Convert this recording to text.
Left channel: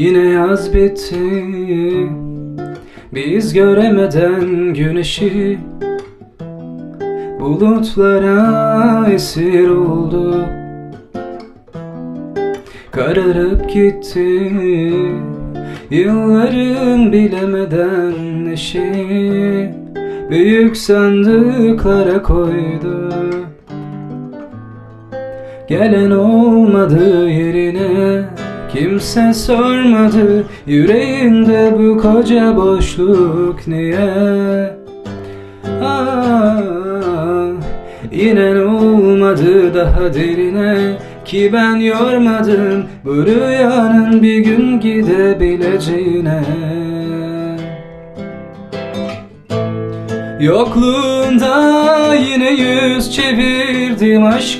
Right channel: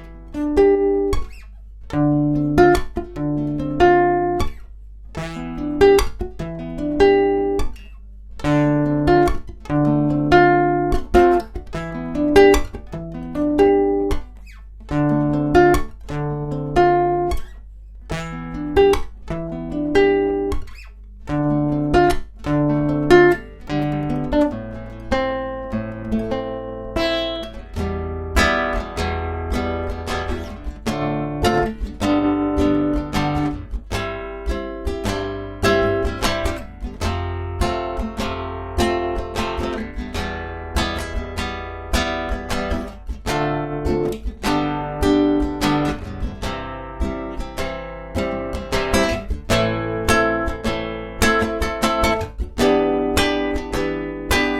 Yine yaz bitti, biz göremeden güneşi. Bulutlara esir oldu, kararıp gitti. Yılların bilemeden eşi büyük sandıklara koydu. Gelen olmadı yerine, kimse sormadı yüreğinde bu koca boşluk niye? İnen olmadı daha derine, ki ben yormadım bu rüyanın bir gün gidebileceğine. Yokluğunda yine yüz çevirdim aşka.